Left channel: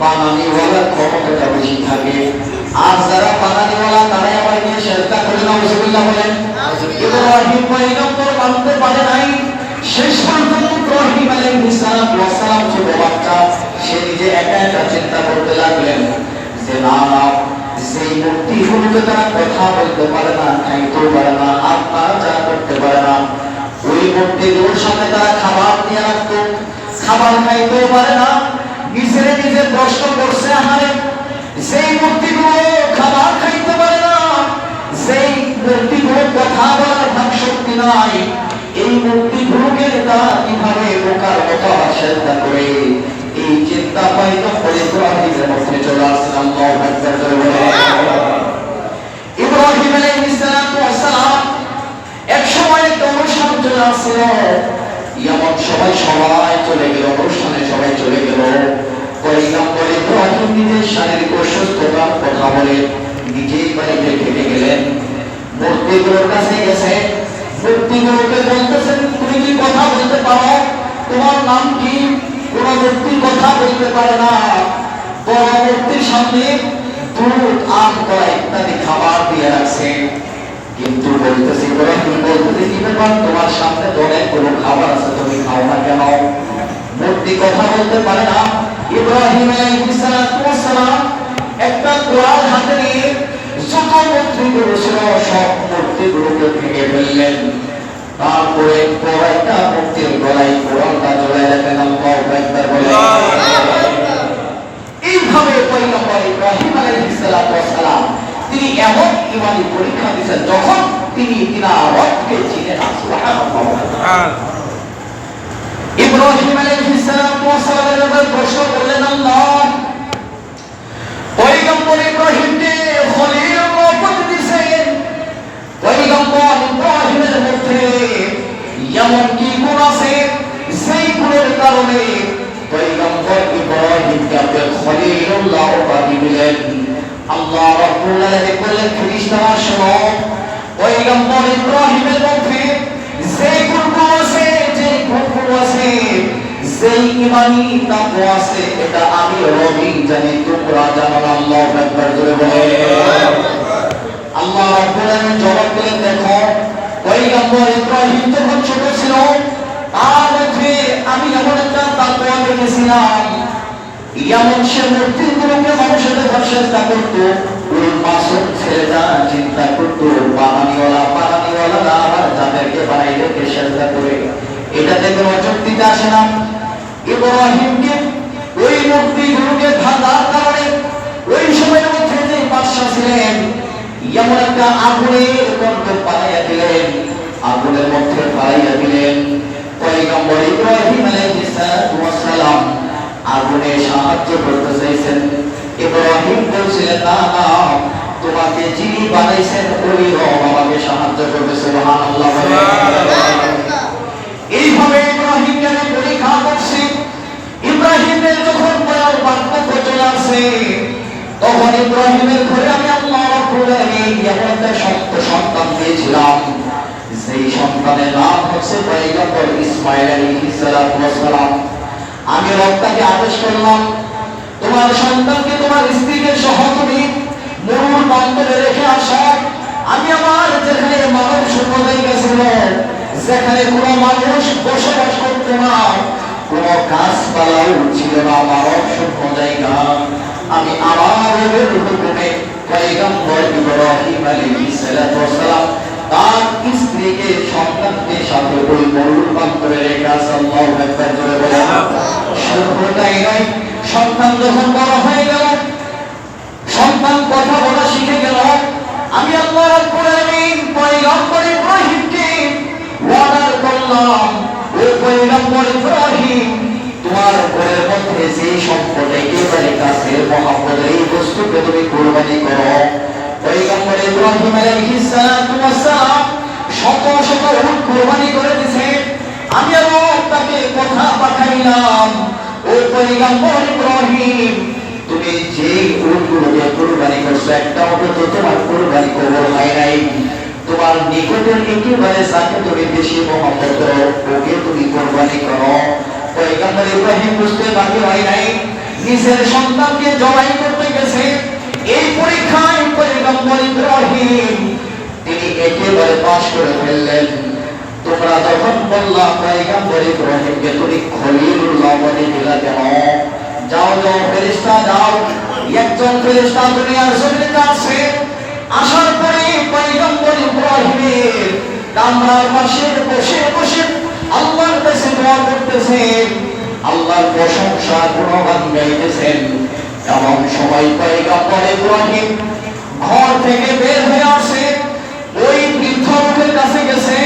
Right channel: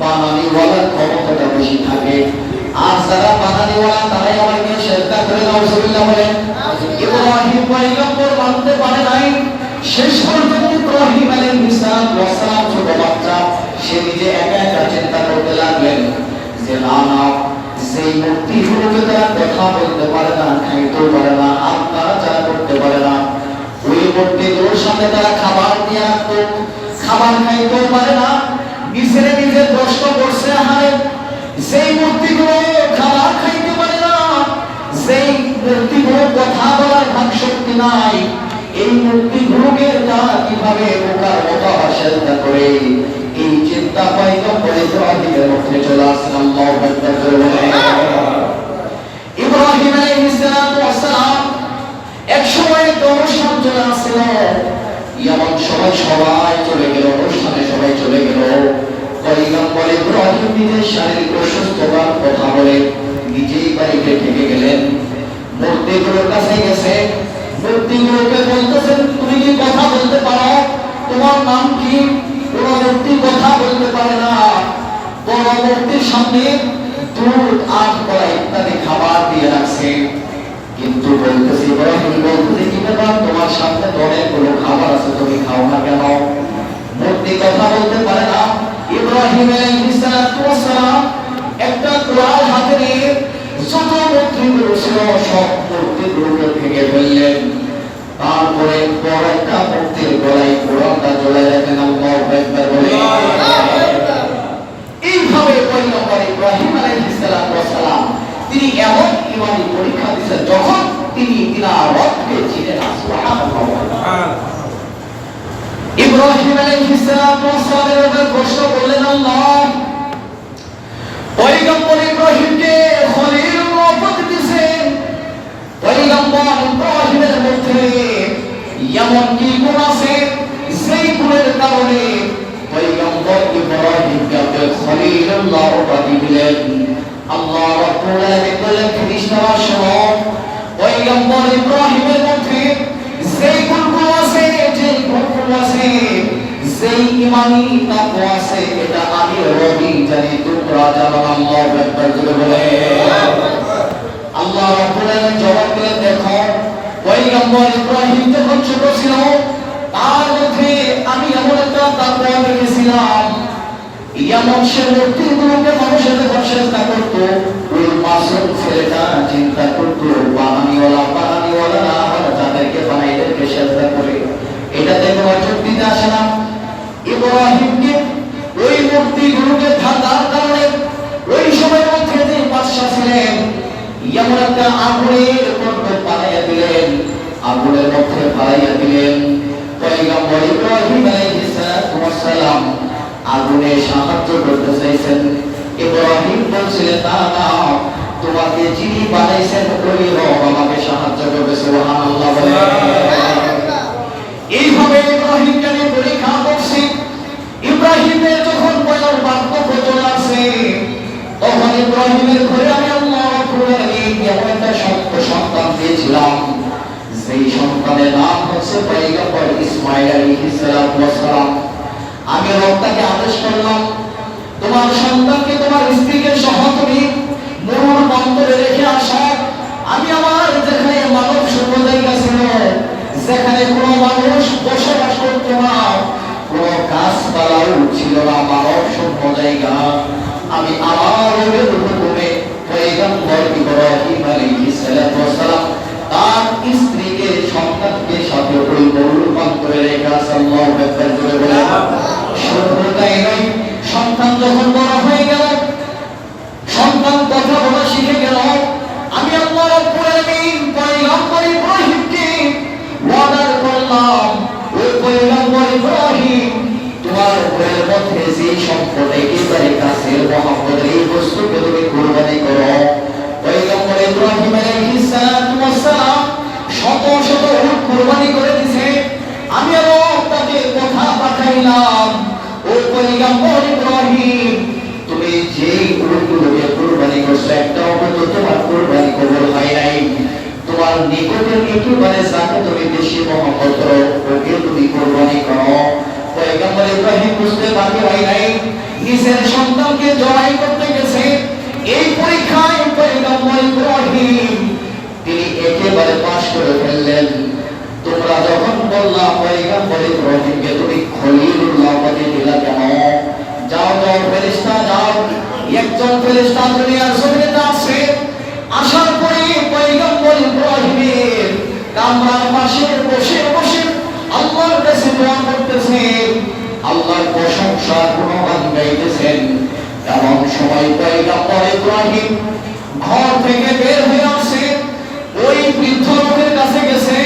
বানানিওয়ালার ক্ষমতাটা বেশি থাকে। আর যারা বানানিওয়ালা তারাই আমার নিয়ে সেজদা করে না, নাউজুবিল্লাহ বলেন। ইব্রাহিম পয়গম্বর মানতে পারে নাই, শেষ পর্যন্ত ইব্রাহিম আলাইহিস সালাম ছোট বাচ্চা, সে নিজে একা একা চিন্তা করতে লাগলেন যে না না, সেই মূর্তিগুলোকে তারা কথা বলতে পারে না, খাইতেও পারে না, আর তারা যারা করতে পারে না, ওই মূর্তিগুলোর সামনে তারা খাবার দিয়ে রাখতো, খাবার খাইতেও পারে না। নিজে নিজে প্রশ্ন করছে, আহারে সেই মূর্তিগুলো খাবার খাইতে পারে না, সেই মূর্তিগুলো কথা বলার ভাগ শক্তি নাই, এই মূর্তিগুলোকে তারা কিভাবে বোকার মতো সেজদা করে? এই চিন্তা পয়গম্বর ইব্রাহিমের মধ্যে চলে আসছে। আল্লাহু আকবার বলে। ইব্রাহিম আলাইহিস সালাম এক সময় একটা অনুষ্ঠান চলে আসছিল, এমন সময় সবাই চলে গেল, অনুষ্ঠানে সবাই চলে গেল। পয়গম্বর ইব্রাহিম নিজের শারীরিক অসুস্থতার কথা বলে নিজেই বাড়িতে থেকে গেলেন। মূর্তিগুলোর কাছে গেছে, মূর্তিগুলোকে বলতেছেন, তুমি কি কথা বলতে পারো? তোমার নাম কি? কোন মূর্তি কথা বলতে পারে না। বড় মূর্তির সামনে দুধ, আম, কলা ইত্যাদি খাবার দিয়ে রাখছে, কিন্তু বলতেছি ইব্রাহিম বলতেছি, কি ব্যাপার, তোমার সামনে তো অনেকগুলো খাবার আছে, তুমি খাও না কেন? মূর্তি কথা বলতে পারে না। ইব্রাহিম আলাইহিস সালাম একটা কুড়াল হাতে নিয়ে যত মূর্তিগুলো ছিল সব মূর্তিগুলোকে ভেঙে ফেললেন। তারপরে বড় একটা মূর্তির গলায় কুড়ালটা জড়ায় রাখলেন। আল্লাহু আকবার বলে। এইভাবে পয়গম্বর ইব্রাহিম আলাইহিস সালাম তিনি এমন ঈমানি পরীক্ষা দিয়েছেন যখন তিনি তিনার রবকে চিনেন। সুবহানাল্লাহ। ইব্রাহিম আলাইহিস সালামের ব্যাপারে প্রশ্ন করলেন আল্লাহ, পয়গম্বর ইব্রাহিমকে খলিলুল্লাহ উপাধি দিয়েছেন, পয়গম্বর ইব্রাহিমের মধ্যে এমন কি গুণ আছে সেই গুণের কারণে পয়গম্বর ইব্রাহিমকে খলিলুল্লাহ উপাধি দিলেন? আল্লাহ রাব্বুল আলামিন বললেন, ফেরেশতারা শোনো, পয়গম্বর ইব্রাহিমের মধ্যে যে গুণগুলো আছে, যে গুণগুলো আছে, যেই ঈমানি তাকওয়া আছে, এটা আমি রবি জানি, তোমরা জানো না। আল্লাহু আকবার জোরে বলে। আল্লাহ রাব্বুল আলামিন জবাব দিলেন, দেখো পয়গম্বর ইব্রাহিম যখন ছোট ছিল তার মধ্যে আমি এমন একটা তাকওয়া দেখেছিলাম, এমন সে মূর্তিগুলোকে মানুষের সেজদা করতো, ওই মাসুম ছেলেটা চিন্তা করতো বানানিওয়ালা আবার যাদেরকে বানাইদেরকে সেজদা করে, এটাতে কোনো যুক্তিতে আসে না। ইব্রাহিমকে ওই মূর্তিগুলোকে ভাঙার কারণে ওই সময়ের মধ্যে যে বাদশা ছিলেন এমন একটা আগুনের মধ্যে পালাইয়া দিলেন, আগুনের মধ্যে পালাইয়া দিলেন। পয়গম্বর ইব্রাহিম আলাইহিস সালাম আগুনে সাহায্য করতে চাইছেন। ইব্রাহিম বলছিলেন, না না, তোমাকে যিনি বানাইছেন ওই রব আমাকে সাহায্য করবে। সুবহানাল্লাহ। এইভাবে ইব্রাহিমকে আমি পরীক্ষা করছি। ইব্রাহিমের যখন বয়স বার্ধক্য চলে আসে, তখন ইব্রাহিমের ঘরে আমি আল্লাহ রাব্বুল আলামিন এমন একটা সন্তান দিয়েছিলাম, সেই সন্তানের নাম হচ্ছে পয়গম্বর ইসমাঈল আলাইহিস সালাম। আমি রবকে আদেশ করলাম, তোমার সন্তানকে, তোমার স্ত্রীকে সহ তুমি মরুর বন্দরে রেখে আসো। আমি আমার যেখানে মানব শূন্য জায়গা ছিল, যেখানে কোনো মানুষ বসবাস করতো না, কোনো গাছপালাও ছিল না, মানব শূন্য জায়গা, আমি আমার রবের হুকুমে পয়গম্বর ইব্রাহিম আলাইহিস সালাম তার স্ত্রীকে সন্তানকে সাথে ওই মরুর বন্দরে রেখে আসে। আল্লাহু আকবার জোরে বলে। শুধু তাই নয়, সন্তান যখন বড় হয়ে গেল, সন্তান কথা বলা শিখে গেল, আমি আল্লাহ রাব্বুল আলামিন পয়গম্বর ইব্রাহিমকে ওয়াদা করলাম, ও পয়গম্বর ইব্রাহিম, তোমার ঘরের মধ্যে যে সম্পদ একেবারে কাছের মহব্বতের এই বস্তুকে তুমি কুরবানি করো। পয়গম্বর ইব্রাহিম আলাইহিস সালাম শত শত উট কুরবানি করে দিয়েছে। আমি আল্লাহ তাকে কথা পাঠাইলাম, ও পয়গম্বর ইব্রাহিম, তুমি যেই উটগুলোকে কুরবানি করছো একটা উট তো তোমার কুরবানি কবুল হয় নাই, তোমার নিকটের একেবারে যাকে তুমি বেশি মহব্বত করো ওকে তুমি কুরবানি করো। পয়গম্বর ইব্রাহিম বুঝতে বাকি হয় নাই, নিজের সন্তানকে জবাই করতে গেছে। এই পরীক্ষায় পয়গম্বর ইব্রাহিম তিনি একেবারে পাশ করে ফেললেন। তোমরা যখন বললা পয়গম্বর ইব্রাহিমকে তুমি খলিলুল্লাহ বলে দিলা কেন? যাও যাও ফেরেশতা যাও। একজন ফেরেশতা দুনিয়ার জমিনে যাচ্ছে। আসার পরে পয়গম্বর ইব্রাহিমের কামরার পাশে বসে বসে আল্লাহর কাছে দোয়া করতেছেন, আল্লাহর প্রশংসা গুণগান গাইতেছেন। এমন সময় পয়গম্বর ইব্রাহিম ঘর থেকে বের হয়ে আসে, ওই বৃদ্ধ লোকের কাছে গেছে।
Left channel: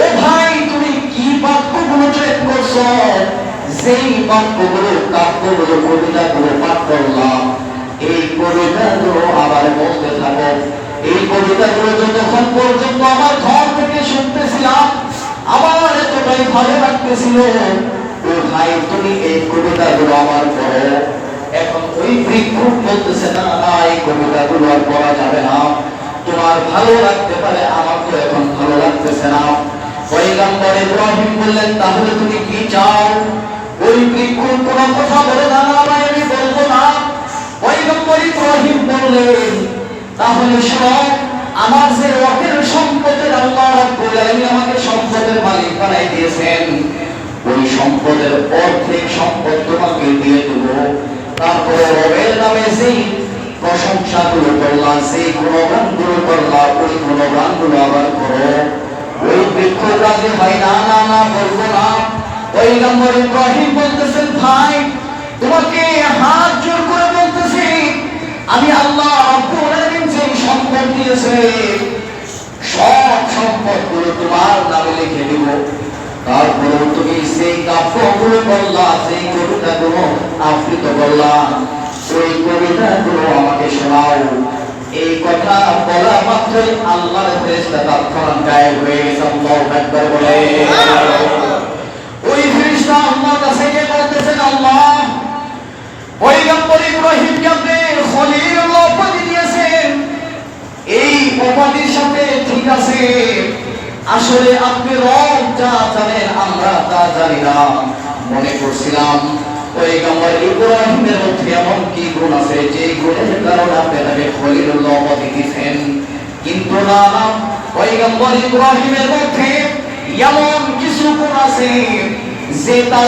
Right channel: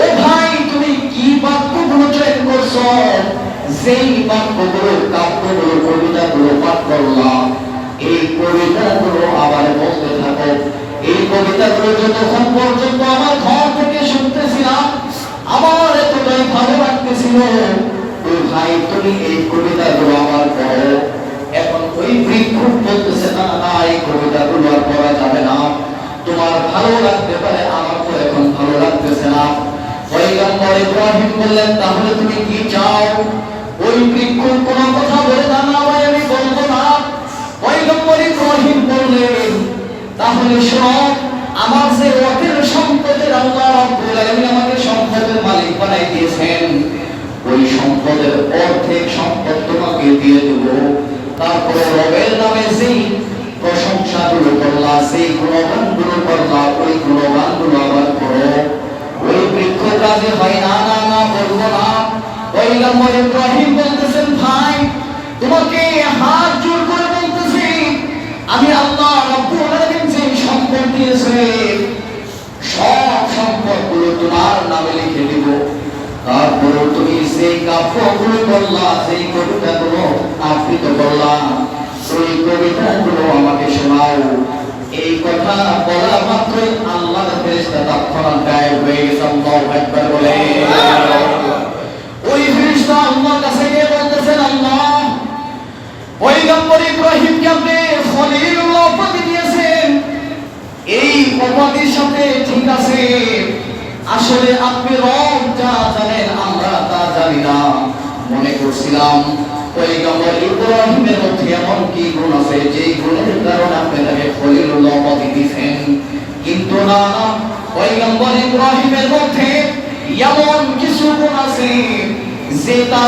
ও ভাই, তুমি কি বাক্যগুলো চয়ন করছো? যেই বাক্যগুলো, কাব্যগুলো, কবিতাগুলো পাঠ করলাম, এই কবিতাগুলো আবার বলতে থাকো। এই কবিতাগুলো যতক্ষণ পর্যন্ত আমার ঘর থেকে শুনতেছিলাম আমার এতটাই ভালো লাগতেছিল। ও ভাই, তুমি এই কবিতাগুলো আমার পড়ো। এখন ওই বৃক্ষ বলতেছে, না না, এই কবিতাগুলো আর পড়া যাবে না। তোমার ভালো লাগতে পারে, আমার তো এখন ভালো লাগতেছে না। পয়গম্বর ইব্রাহিম বললেন, তাহলে তুমি কি চাও? ওই বৃক্ষ কোনো কথা বলে, না না ভাই, আমি বলবো না। পয়গম্বর ইব্রাহিম বললেন, তাহলে শোনো, আমার যে অর্থের সম্পদের আল্লাহ রাব্বুল আলামিন আমাকে সম্পদের মালিক বানাই দিয়েছেন, ওই সম্পদের অর্ধেক সম্পদ তোমাকে দিয়ে দেব। তারপরে রবের নামে যেই প্রশংসাগুলো করলা, সেই গুণগানগুলো করলা, ওই গুণগানগুলো আবার করো। ওই বৃক্ষ রাজি হয়, না না না, বলবো না। পয়গম্বর ইব্রাহিম বলতেছেন, ভাই, তোমাকে হাত জোর করে বলতেছি, আমি আল্লাহ রাব্বুল আলামিন যে সম্পদ দিয়েছে সব সম্পদগুলো তোমার নামে লিখে দেব। তারপরে তুমি সেই কাব্যগুলো বললা, সেই কবিতাগুলো আবৃত করলা, সেই কবিতাগুলো আমাকে শোনাও। এই কথা বলা মাত্রই আল্লাহর ফেরেশতা তৎক্ষণাৎ গায়েব হয়ে গেছে। আল্লাহু আকবার বলে ওই ফেরেশতা আল্লাহর কাছে গিয়ে বলতেছেন, আল্লাহ, পয়গম্বর ইব্রাহিমকে আপনি খলিলুল্লাহ উপাধি দিয়েছেন, এই উপাধির সাথে ঠিক আছে, আসলে আপনি রব যা জানেন আমরা তা জানি না। মনে করছিলাম পয়গম্বর ইব্রাহিমের মধ্যে এমন কি গুণ আছে যে গুণের কারণে আপনি তাকে খলিলুল্লাহ উপাধি দিয়েছেন, কিন্তু না না, পয়গম্বর ইব্রাহিমের মধ্যে এমন কিছু গুণ আছে যে তার